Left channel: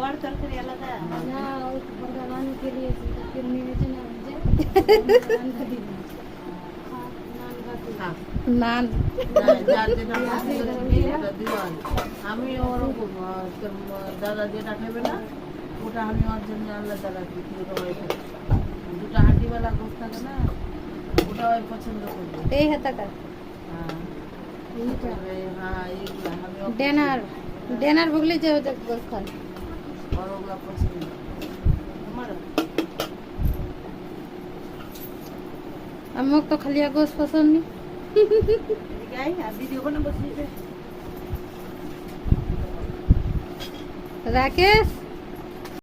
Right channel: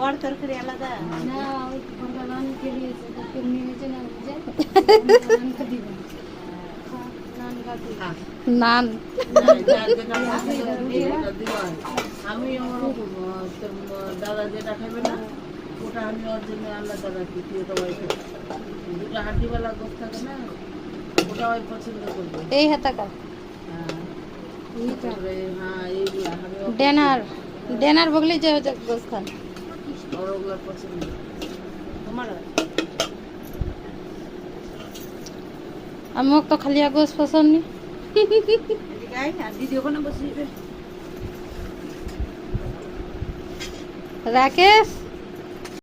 और तरकारी आलादा না ওই ভগবান কে দিয়েছে তো নিয়েছে না যে নান আমি ওরকম দাদা যেটা খাবে না ওটা আমি ওর জন্য আলাদা রাখি ওটা ওই দুটো হাঁটিওয়ালা গোস থাকে না ওটা ওই পছন্দ করবে এই হাতাকার হ্যাঁ এইটা হ্যাঁ এইগুলা আমি ডেনার ডেনার বগলে যে গোস খান ওর ওগুলা পছন্দ আমাকে তো খালি গোস পছন্দ নি দিদি ওখানে বসে রাকেশ